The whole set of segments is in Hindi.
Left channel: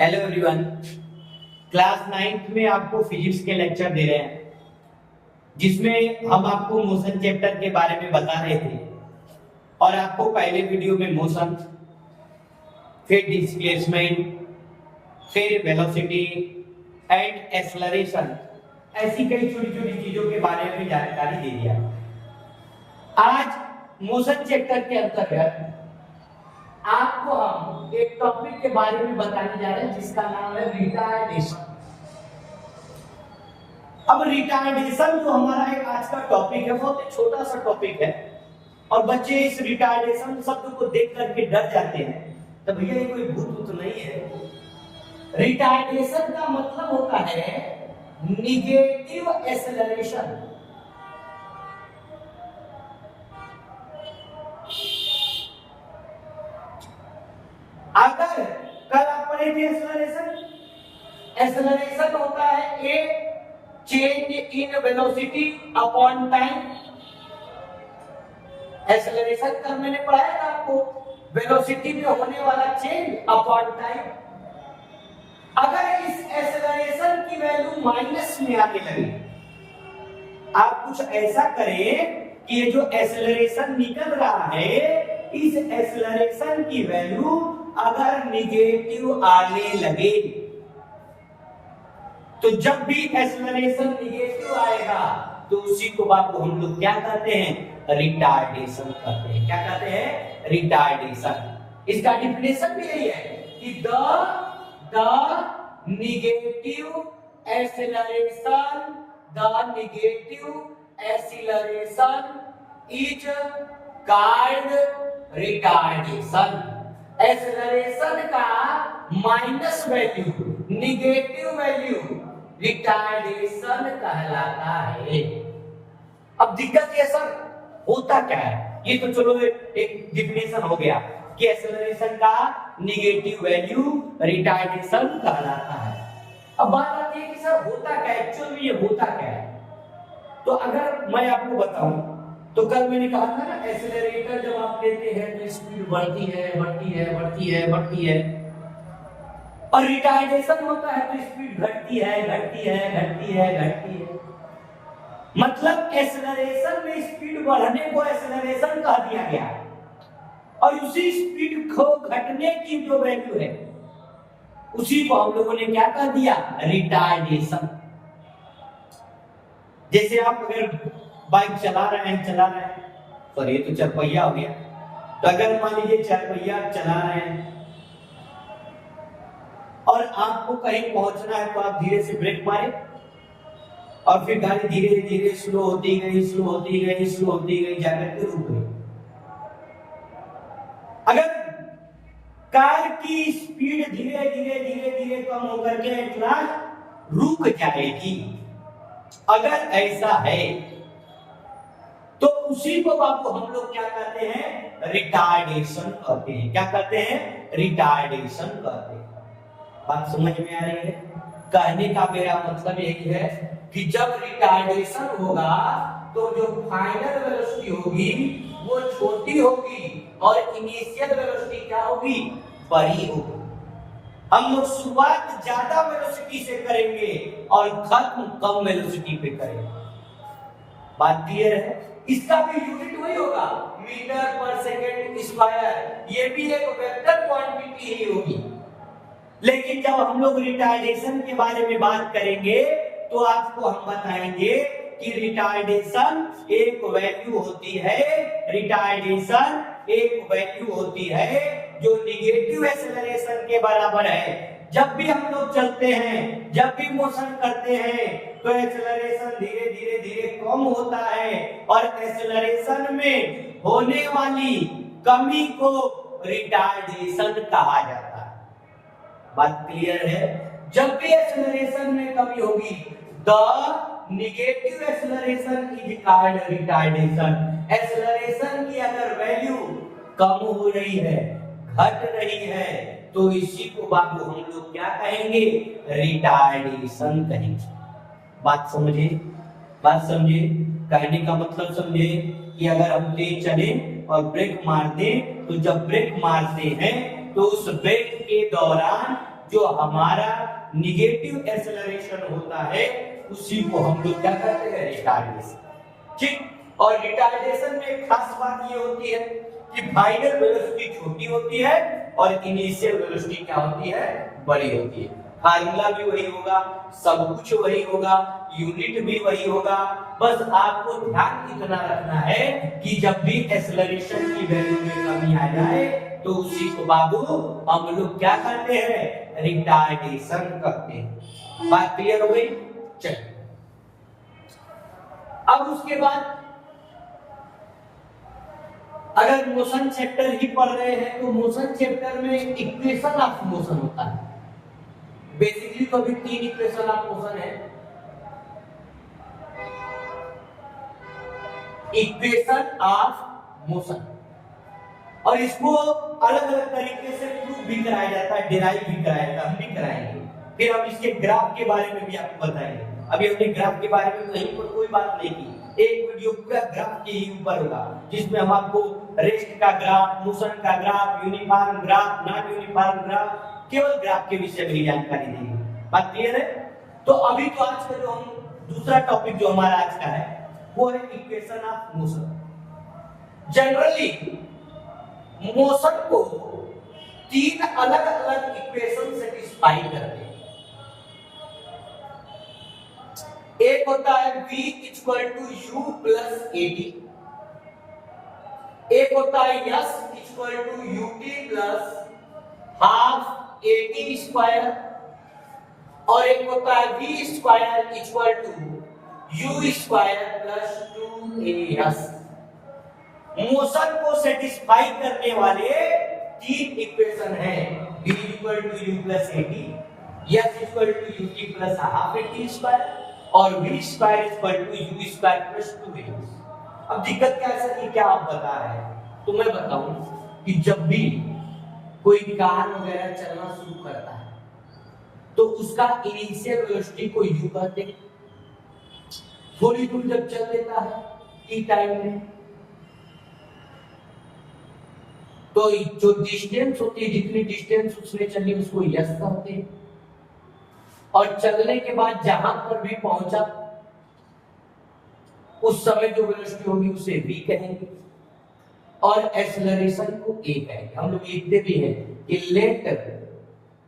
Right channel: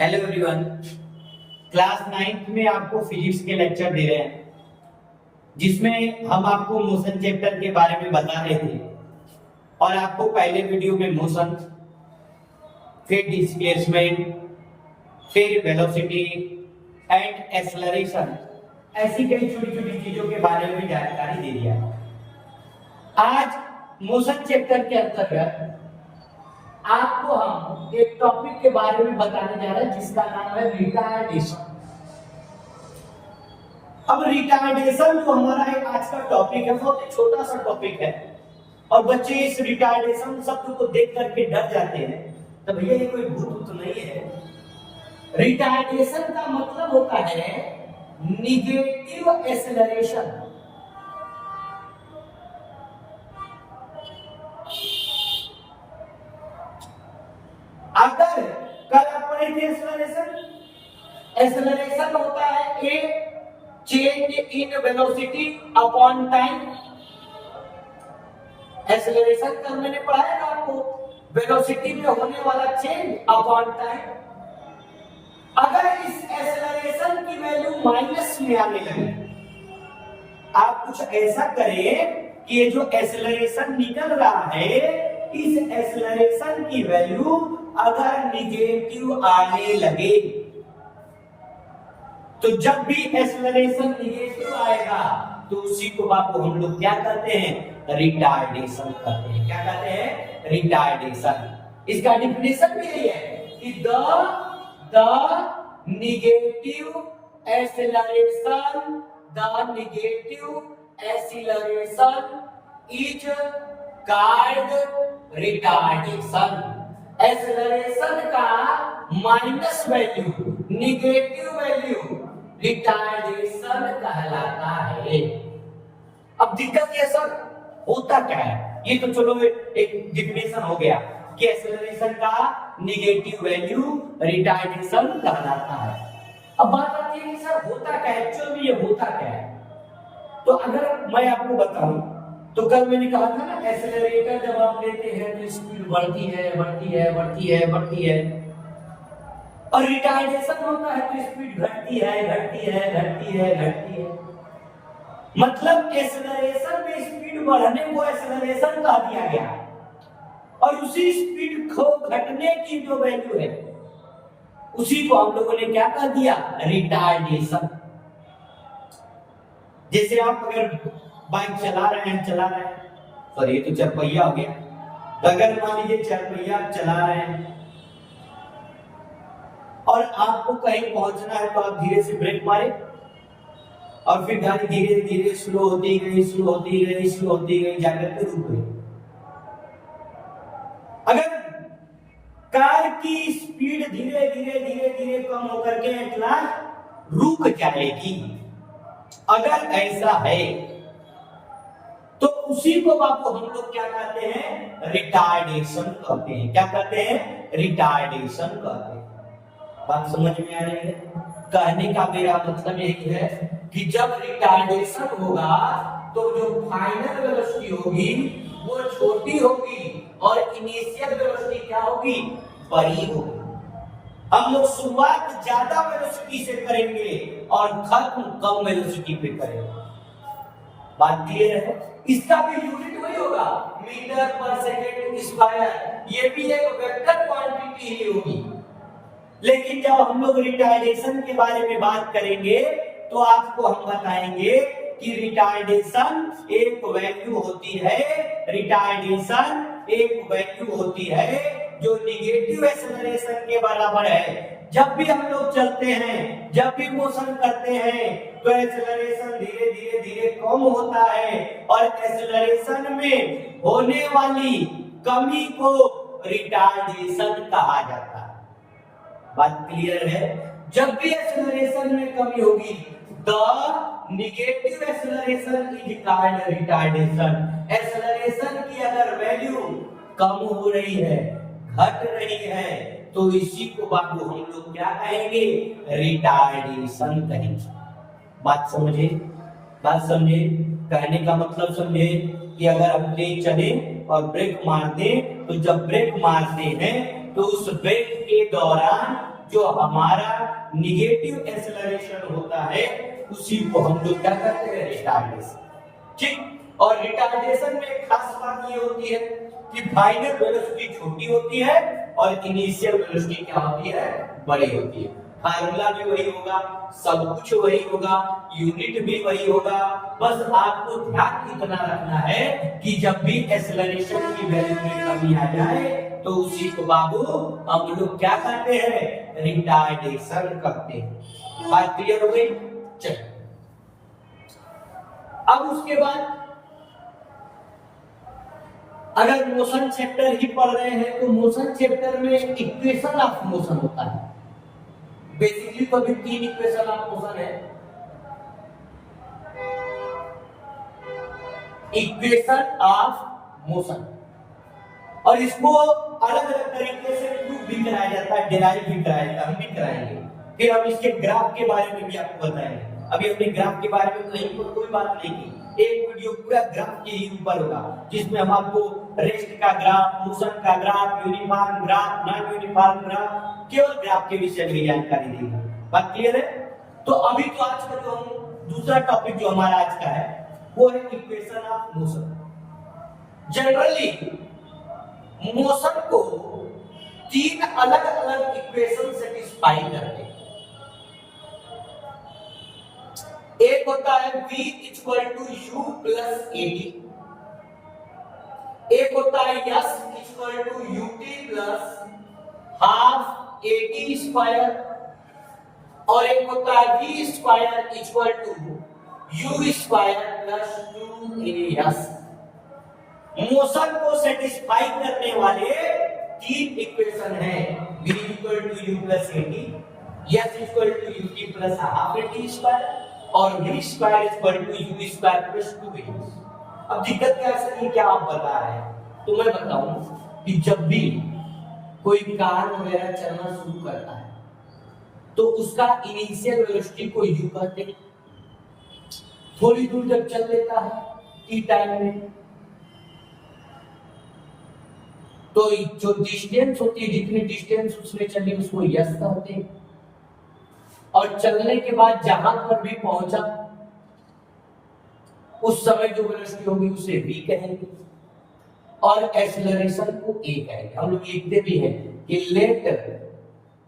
Hello everyone. क्लास 9th में आपको फिजिक्स के लेक्चर दे रहे हैं, जिसमें हम आपको मोशन चैप्टर के बारे में बता रहे थे और आपको पहले वीडियो में मोशन, फिर डिस्प्लेसमेंट, फिर वेलोसिटी एंड एक्सेलरेशन, ऐसी कई छोटी छोटी चीजों के बारे में जानकारी दे दिया। आज मोशन चैप्टर के अंतर्गत आपको हम एक टॉपिक के बारे में बताने जा रहे हैं जिसका नाम है रिटार्डेशन। अब रिटार्डेशन जो हमारा एक आज का टॉपिक है, बहुत ही छोटा सा टॉपिक है और बच्चे इस रिटार्डेशन शब्द को देख करके डर जाते हैं। तो भैया ये कोई भूत तो नहीं है। रिटार्डेशन का मतलब होता है निगेटिव एक्सेलरेशन। अगर कल आप पढ़े थे एक्सेलरेशन होता है ए change in velocity upon time. Acceleration का मैंने पढ़ाया था आपको, वेलोसिटी में होने वाला चेंज अपॉन टाइम। अगर इस एक्सेलरेशन की वैल्यू माइनस में आने लगे, आप कुछ ऐसा करें कि ये जो एक्सेलरेशन निकल रहा है, इस एक्सेलरेशन की वैल्यू अगर निगेटिव आने लगे, तो जब भी एक्सेलरेशन निगेटिव आएगा तो उसी को आपको हम लोग क्या कहते हैं? रिटार्डेशन कहते हैं। क्या कहते हैं? रिटार्डेशन। इसका डेफिनेशन भी यही है कि the negative acceleration is called retardation. Acceleration का minus value, negative value retardation कहलाता है। अब दिक्कत ये सर होता क्या है? ये तो चलो एक डेफिनेशन हो गया कि एक्सेलरेशन का निगेटिव वैल्यू रिटार्डेशन कहलाता है। अब बात आती है कि सर होता क्या है, एक्चुअल में ये होता क्या है? तो अगर मैं आपको बताऊं तो कल मैंने कहा था ना, एक्सेलरेटर जब आप लेते हैं तो स्पीड बढ़ती है और रिटार्डेशन होता है तो स्पीड घटती है। मतलब एक्सेलरेशन में स्पीड बढ़ने को एक्सेलरेशन कह दिया गया और उसी स्पीड को घटने की जो वैल्यू है उसी को हम लोगों ने क्या कह दिया? रिटार्डेशन। जैसे आप अगर बाइक चला रहे हैं, सॉरी ये तो चार पहिया हो गया, तो अगर मान लीजिए चार पहिया आप चला रहे हैं और आपको कहीं पहुंचना है तो आप धीरे से ब्रेक मारे और फिर गाड़ी धीरे धीरे स्लो होती गई जाकर के रुक गई। अगर कार की स्पीड धीरे धीरे कम होकर के एट लास्ट रुक जाएगी, अगर ऐसा है तो उसी को आपको हम लोग क्या कहते हैं? रिटार्डेशन कहते हैं। क्या कहते हैं? रिटार्डेशन कहते हैं। बात समझ में आ रही है? कहने का मेरा मतलब यही है कि जब रिटार्डेशन होगा तो जो फाइनल वेलोसिटी होगी वो छोटी होगी और इनिशियल वेलोसिटी क्या होगी? बड़ी होगी। हम लोग शुरुआत ज्यादा वेलोसिटी से करेंगे और खत्म कम वेलोसिटी पे करेंगे। बात क्लियर है? इसका भी यूनिट वही होगा, मीटर पर सेकंड स्क्वायर। ये भी एक वेक्टर क्वांटिटी ही होगी। लेकिन जब हम लोग रिटार्डेशन के बारे में बात करेंगे तो आपको हम बताएंगे कि रिटार्डेशन एक वैल्यू होती है जो निगेटिव एक्सेलरेशन के बराबर है। जब भी हम लोग चलते हैं, जब भी मोशन करते हैं तो एक्सेलरेशन धीरे धीरे कम होता है और एक्सेलरेशन में होने वाली कमी को रिटार्डेशन कहा जाता है। बात क्लियर है? जब भी एक्सेलरेशन में कमी होगी, the negative acceleration is called retardation. Acceleration की अगर वैल्यू कम हो रही है, घट रही है, तो इसी को बाबू हम लोग क्या कहेंगे? रिटार्डेशन कहेंगे। बात समझे? कहने का मतलब समझे कि अगर हम तेज चले और ब्रेक मार दे, तो जब ब्रेक मारते हैं तो उस ब्रेक के दौरान जो हमारा निगेटिव एक्सेलरेशन होता है उसी को हम लोग क्या करते हैं, रिटार्डेशन। ठीक, और रिटार्डेशन में एक खास बात ये होती है कि फाइनल वेलोसिटी छोटी होती है और इनिशियल वेलोसिटी क्या होती है, बड़ी होती है। फार्मूला भी वही होगा, सब कुछ वही होगा, यूनिट भी वही होगा। बस आपको ध्यान इतना रखना है कि जब भी एक्सेलरेशन की वैल्यू में कमी आ जाए तो उसी को बाबू हम लोग क्या करते हैं, रिटार्डेशन करते हैं। बात क्लियर हो गई? चलिए अब उसके बाद अगर मोशन चैप्टर ही पढ़ रहे हैं तो मोशन चैप्टर में इक्वेशन ऑफ मोशन होता है। बेसिकली तो अभी 3 इक्वेशन ऑफ मोशन है। इक्वेशन ऑफ मोशन, और इसको अलग अलग तरीके से प्रूव भी कराया जाता है, डिराइव भी कराया जाता है, हम भी कराएंगे। फिर हम इसके ग्राफ के बारे में भी आपको बताएंगे। अभी हमने ग्राफ के बारे में तो नहीं कोई बात नहीं की, एक वीडियो पूरा ग्राफ के ही ऊपर होगा जिसमें हम आपको रेस्ट का ग्राफ, मोशन का graph, uniform graph, non uniform graph, केवल ग्राफ के विषय में जानकारी देंगे। बात क्लियर है? तो अभी तो आज का जो हम दूसरा टॉपिक जो हमारा आज का है वो है equation of motion. Generally motion को 3 अलग अलग इक्वेशन सेटिस्फाई करते हैं। एक होता है v equal to u plus at, एक होता है s equal to ut plus half at square, और एक होता है v square equal to u square plus 2as। Motion को सेटिस्फाई करने वाले 3 इक्वेशन हैं, v equal to u plus at, s equal to ut plus half at square और v square equal to u square plus 2as। अब दिक्कत क्या है, क्या आप बता रहे हैं? तो मैं बताऊं कि जब भी कोई कार वगैरह चलना शुरू करता है तो उसका इनिशियल वेलोसिटी को u कहते हैं। थोड़ी दूर जब चल लेता है t टाइम में तो जो डिस्टेंस होती है, जितनी डिस्टेंस उसने चली उसको s कहते हैं, और चलने के बाद जहां पर भी पहुंचा उस समय जो वेलोसिटी होगी उसे v कहेंगे, और एक्सेलरेशन को a कहेंगे। हम लोग लिखते भी हैं कि let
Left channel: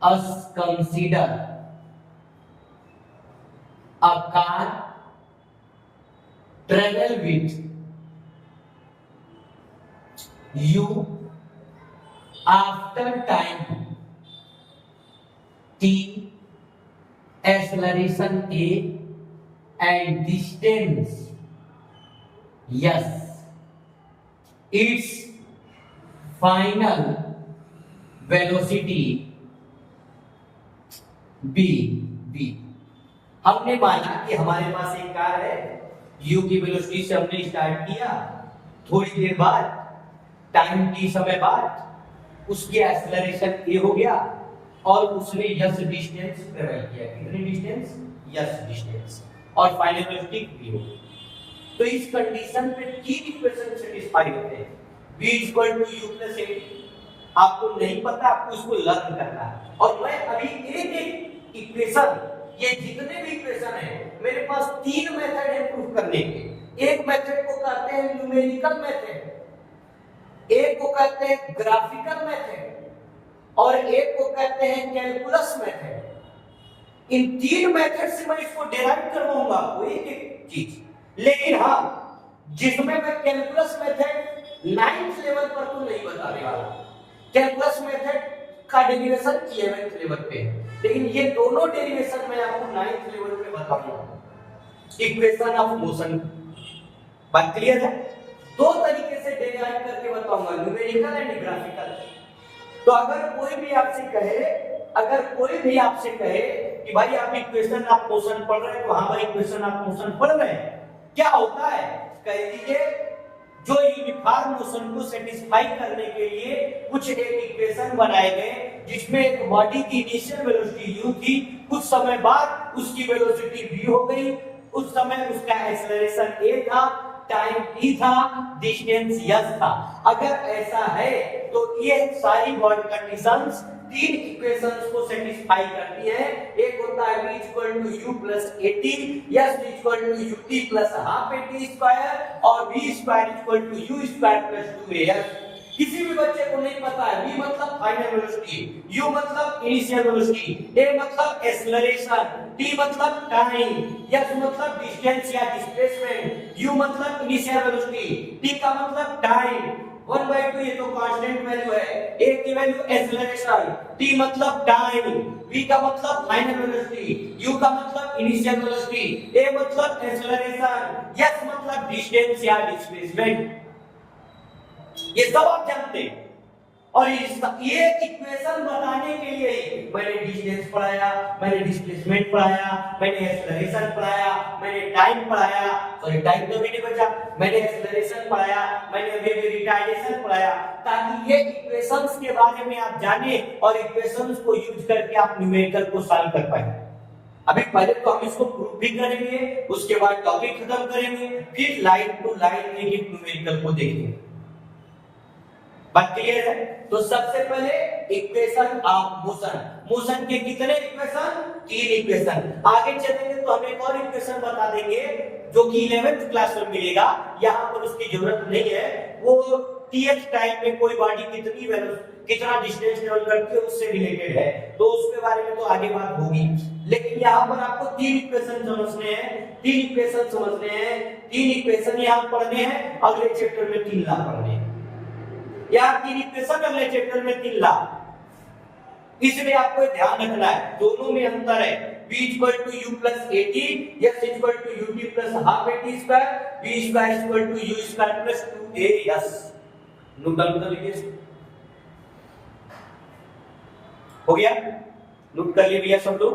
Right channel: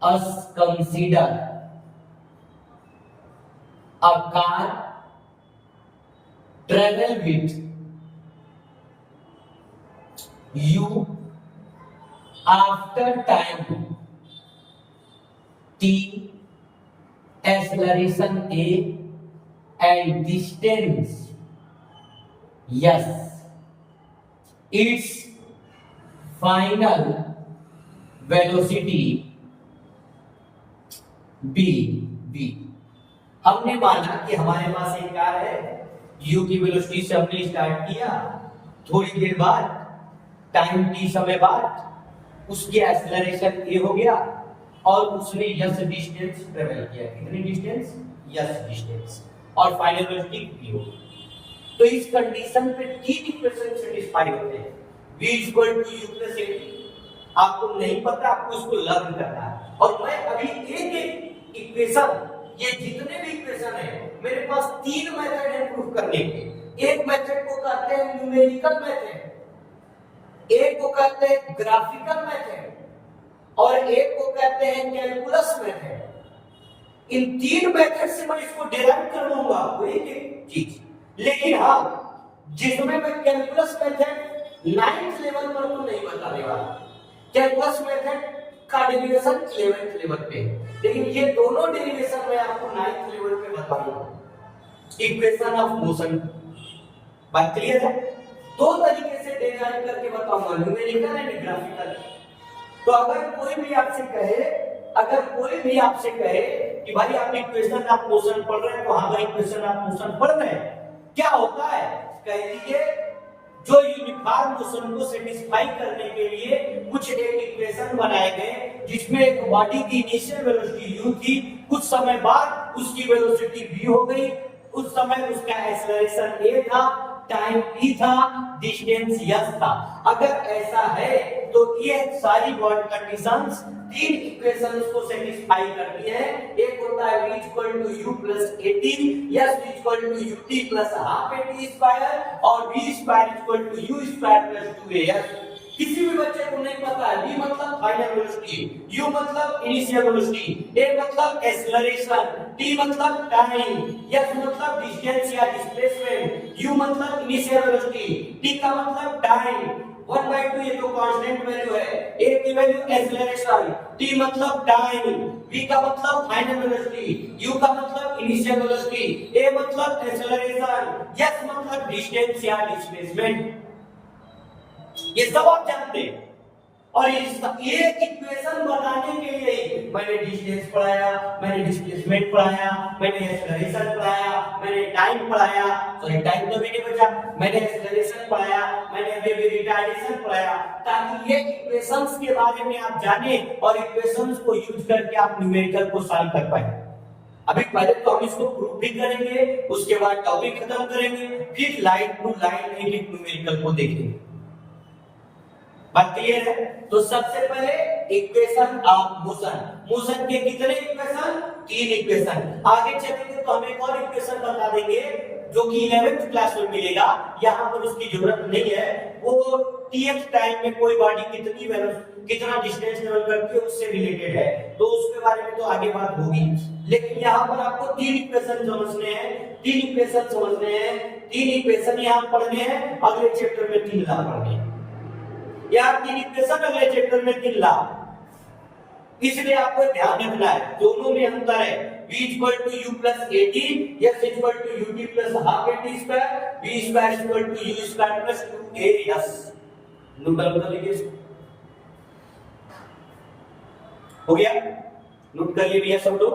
us consider a car travel with u after time t, acceleration a and distance s, its final velocity b। हमने माना कि हमारे पास एक कार है, u की वेलोसिटी से हमने स्टार्ट किया, थोड़ी देर बाद टाइम t समय बाद उसकी एक्सेलरेशन a हो गया और उसने यस डिस्टेंस ट्रेवल किया। कितनी डिस्टेंस? यस डिस्टेंस, और फाइनल वेलोसिटी v हो गई। तो इस कंडीशन पे 3 इक्वेशन सेटिस्फाई होते हैं। v equal to u plus at, आपको नहीं पता, आपको इसको लर्न करना है। और मैं अभी एक एक इक्वेशन, ये जितने भी इक्वेशन है मेरे पास 3 मेथड है प्रूफ करने के। एक मेथड को कहते हैं न्यूमेरिकल मेथड, एक को कहते हैं ग्राफिकल मेथड, और एक को कहते हैं कैलकुलस मेथड। इन 3 मेथड से मैं इसको डिराइव करवाऊंगा आपको एक एक चीज। लेकिन हाँ, जिसमें मैं कैलकुलस मेथड 9th लेवल पर तो नहीं बताने वाला, कैलकुलस मेथड का डेरिवेशन 11th लेवल पे, लेकिन ये दोनों डेरिवेशन मैं आपको 9th लेवल पे बताऊंगा। इक्वेशन ऑफ मोशन, बात क्लियर है? 2 तरीके से डेराइव करके बताऊंगा, न्यूमेरिकल एंड ग्राफिकल। तो अगर कोई भी आपसे कहे कि भाई आप इक्वेशन ऑफ मोशन पढ़ रहे हैं, तो हाँ भाई इक्वेशन ऑफ मोशन पढ़ रहे हैं, क्या होता है कह दीजिए। जो यूनिफॉर्म मोशन को सेटिस्फाई करने के लिए कुछ एक इक्वेशन बनाए गए जिसमें एक बॉडी की इनिशियल वेलोसिटी u थी, कुछ समय बाद उसकी वेलोसिटी v हो गई, उस समय उसका एक्सेलरेशन a था, टाइम t था, डिस्टेंस s था। अगर ऐसा है तो ये सारी बॉन्ड कंडीशंस तीन इक्वेशंस को सेटिस्फाई करती है। एक होता है v equal to u plus 18, s equal to ut plus half at square और v square equal to u square plus 2as। किसी भी बच्चे को नहीं पता है v मतलब फाइनल वेलोसिटी, u मतलब इनिशियल वेलोसिटी, a मतलब एक्सेलरेशन, t मतलब टाइम, s मतलब डिस्टेंस या डिस्प्लेसमेंट, u मतलब इनिशियल वेलोसिटी, t का मतलब टाइम। 1/2 ये तो कांस्टेंट वैल्यू है, a की वैल्यू एक्सेलरेशन, t मतलब टाइम, v का मतलब फाइनल वेलोसिटी, u का मतलब इनिशियल वेलोसिटी, a मतलब एक्सेलरेशन, s मतलब डिस्टेंस या डिस्प्लेसमेंट। ये सब आप जानते हैं। और ये इक्वेशन बताने के लिए मैंने डिस्टेंस पढ़ाया, मैंने डिस्प्लेसमेंट पढ़ाया, मैंने एक्सेलरेशन पढ़ाया, मैंने टाइम पढ़ाया, सॉरी टाइम तो भी नहीं बचा, मैंने एक्सेलरेशन पढ़ाया, मैंने अभी रिटार्डेशन पढ़ाया, ताकि ये इक्वेशंस के बारे में आप जाने और इक्वेशंस को यूज करके आप न्यूमेरिकल को सॉल्व कर पाए। अभी पहले तो हम इसको प्रूफ भी करेंगे, उसके बाद टॉपिक खत्म करेंगे, फिर लाइन टू लाइन एक एक न्यूमेरिकल को देखेंगे। बात क्लियर है? तो सबसे पहले इक्वेशन ऑफ मोशन, मोशन के कितने इक्वेशन? तीन इक्वेशन। आगे चलेंगे तो हम एक और इक्वेशन बता देंगे जो कि 11th क्लास में मिलेगा, यहां पर उसकी जरूरत नहीं है। वो टीएच टाइम में कोई बॉडी कितनी कितना डिस्टेंस ट्रेवल करती है उससे रिलेटेड है, तो उसके बारे में तो आगे बात होगी। लेकिन यहाँ पर आपको तीन इक्वेशन समझने हैं, तीन इक्वेशन समझने हैं, तीन इक्वेशन यहाँ पढ़ने हैं, अगले चैप्टर में 3 लाख पढ़ने हैं। यार तीन इक्वेशन अगले चैप्टर में 3 लाख, इसलिए आपको ध्यान रखना है दोनों में अंतर है। v equal to u plus 18, s equal to ut plus half at square, v square equal to u square plus 2as। Note down कर लीजिए, हो गया? नोट कर लिए भैया सब लोग?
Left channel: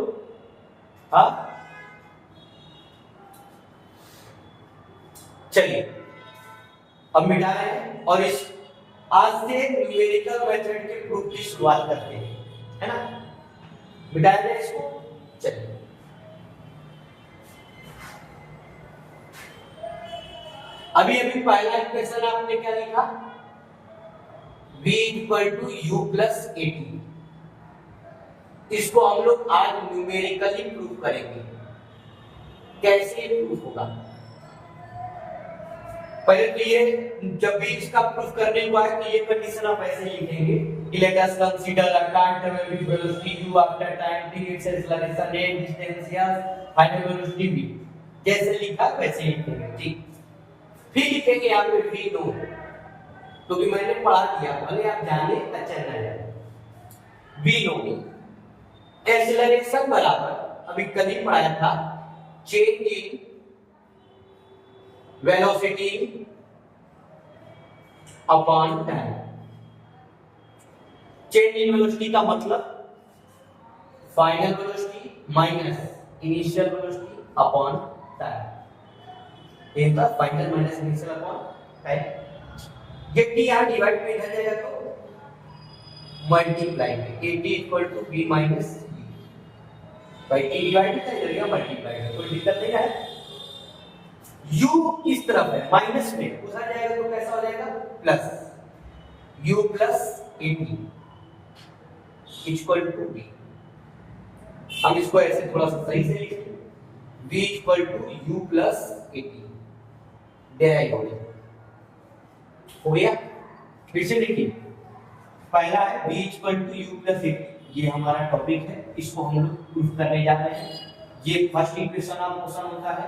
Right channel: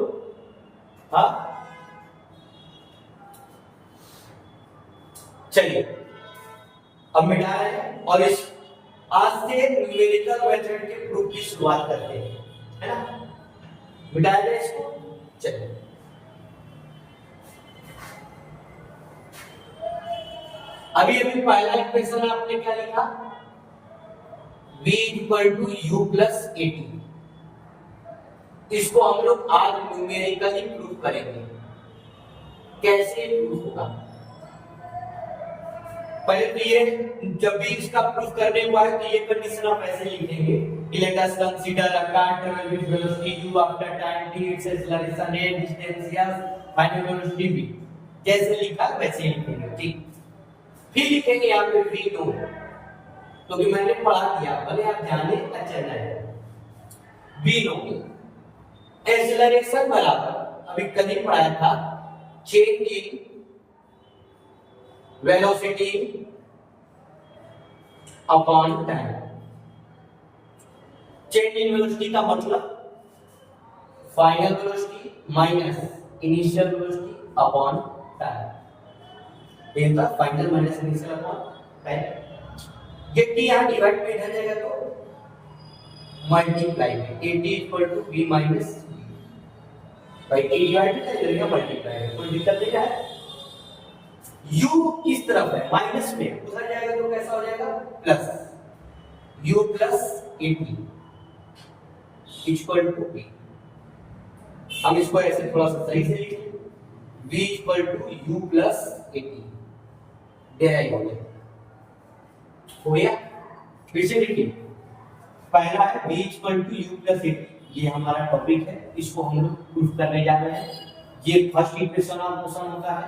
हाँ चलिए अब मिटा रहे हैं और इस आज से न्यूमेरिकल मेथड के प्रूफ की शुरुआत करते हैं, है ना? मिटा दें इसको। चलिए अभी अभी पहला इक्वेशन आपने क्या लिखा? v equal to u plus 18। इसको हम लोग आज न्यूमेरिकली प्रूफ करेंगे। कैसे प्रूफ होगा? पहले तो ये जब भी इसका प्रूफ करने के बाद तो ये कंडीशन आप ऐसे लिखेंगे, let us consider a car travel with velocity u after time t its acceleration and distance s final velocity v। जैसे लिखा वैसे ही लिखेंगे, ठीक? फिर लिखेंगे यहां पे v नो, तो भी मैंने पढ़ा दिया, भले आप जाने अच्छा ना है। v नो एक्सेलरेशन बराबर अभी कल ही पढ़ाया था, change in velocity upon time. Change in velocity का मतलब final velocity minus initial velocity upon time. ये था final minus initial upon time. ये t यहां डिवाइड में इधर जाएगा तो मल्टीप्लाई में at equal to v minus भाई t डिवाइड में जाएगा मल्टीप्लाई में, कोई दिक्कत नहीं है। u इस तरफ है माइनस में, उधर जाएगा तो कैसा हो जाएगा? Plus u plus 80 equal to v। हम इसको ऐसे थोड़ा सा सही से लिखें, v equal to u plus 80 derive हो गया। फिर से देखिए, पहला है v equal to u plus 80, ये हमारा टॉपिक है, इसको हम लोग प्रूफ करने जा रहे हैं। ये फर्स्ट इक्वेशन ऑफ मोशन होता है।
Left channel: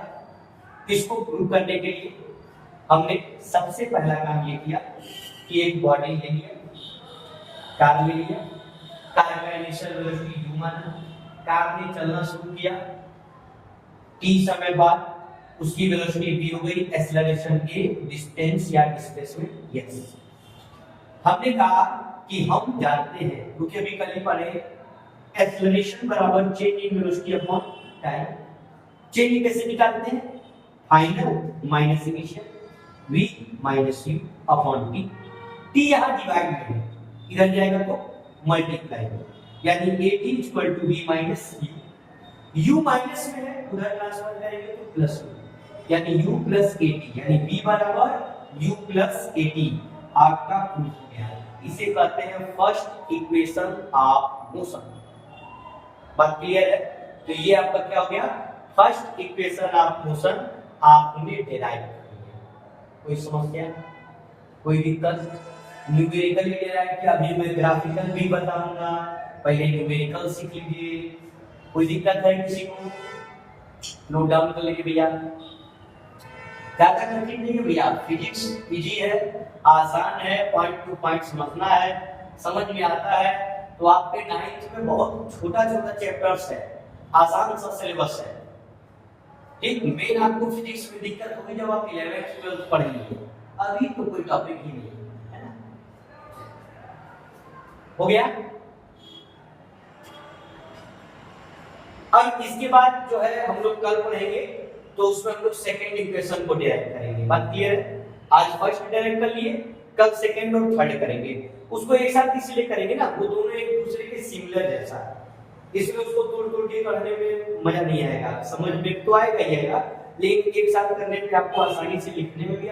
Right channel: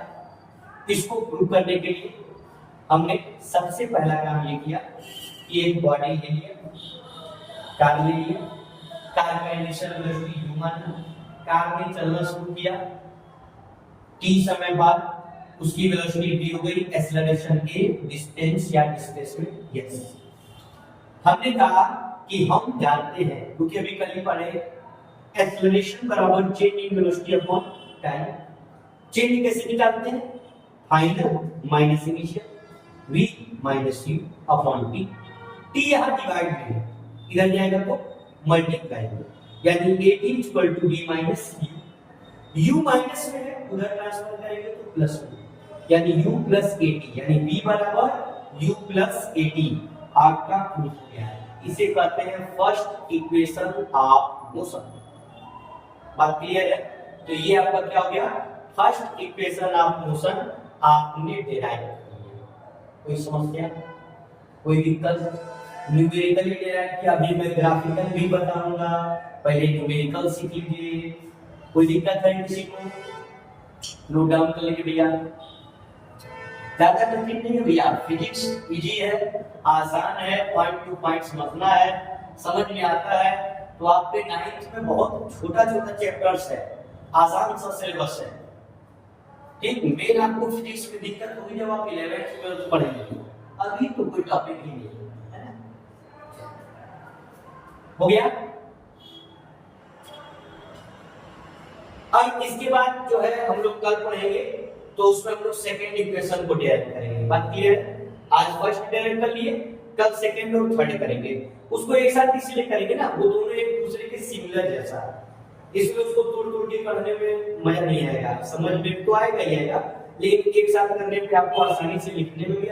इसको प्रूव करने के लिए हमने सबसे पहला काम ये किया कि एक बॉडी ले लिया, कार ले लिया, कार का इनिशियल वेलोसिटी u माना, कार ने चलना शुरू किया, t समय बाद उसकी वेलोसिटी v हो गई, एक्सेलरेशन a, डिस्टेंस या डिस्प्लेसमेंट s। हमने कहा कि हम जानते हैं क्योंकि अभी कल ही पढ़े, एक्सेलरेशन बराबर change in velocity upon time. Change कैसे निकालते हैं? Final minus initial, v minus u upon t। t यहां डिवाइड में है, इधर जाएगा तो मल्टीप्लाई में, यानी 18 equal to v minus u। u minus में है, उधर ट्रांसफर करेंगे तो प्लस में, यानी u प्लस ए टी, यानी v बराबर u प्लस ए टी आपका प्रूफ हो गया। इसे कहते हैं फर्स्ट इक्वेशन ऑफ मोशन। बात क्लियर है? तो ये आपका क्या हो गया, फर्स्ट इक्वेशन ऑफ मोशन आपने डिराइव कर लिया। कोई समस्या, कोई दिक्कत? न्यूमेरिकली डिराइव किया, अभी मैं ग्राफिकल भी बताऊंगा, पहले न्यूमेरिकल सीख लीजिए। कोई दिक्कत है किसी को? नोट डाउन कर लीजिए भैया। ज्यादा कठिन नहीं है भैया, फिजिक्स इजी है, आसान है, पॉइंट टू पॉइंट समझना है, समझ में आता है। तो आपके 9th में बहुत छोटा छोटा चैप्टर्स है, आसान सा सिलेबस है। ठीक, मेन आपको फिजिक्स में दिक्कत होगी जब आप 11th 12th पढ़ेंगे, अभी तो कोई टॉपिक ही नहीं है ना। हो गया? अब इसके बाद जो है हम लोग कल पढ़ेंगे, तो उसमें हम लोग सेकेंड इक्वेशन को डिराइव करेंगे। बात क्लियर है? आज फर्स्ट डिराइव कर लिए, कल सेकेंड और थर्ड करेंगे। उसको एक साथ इसलिए करेंगे ना, वो दोनों एक दूसरे के सिमिलर जैसा है, इसलिए उसको तोड़ तोड़ के पढ़ने में मजा नहीं आएगा, समझ में तो आएगा ही आएगा, लेकिन एक साथ करने पे आपको आसानी से लिखने में भी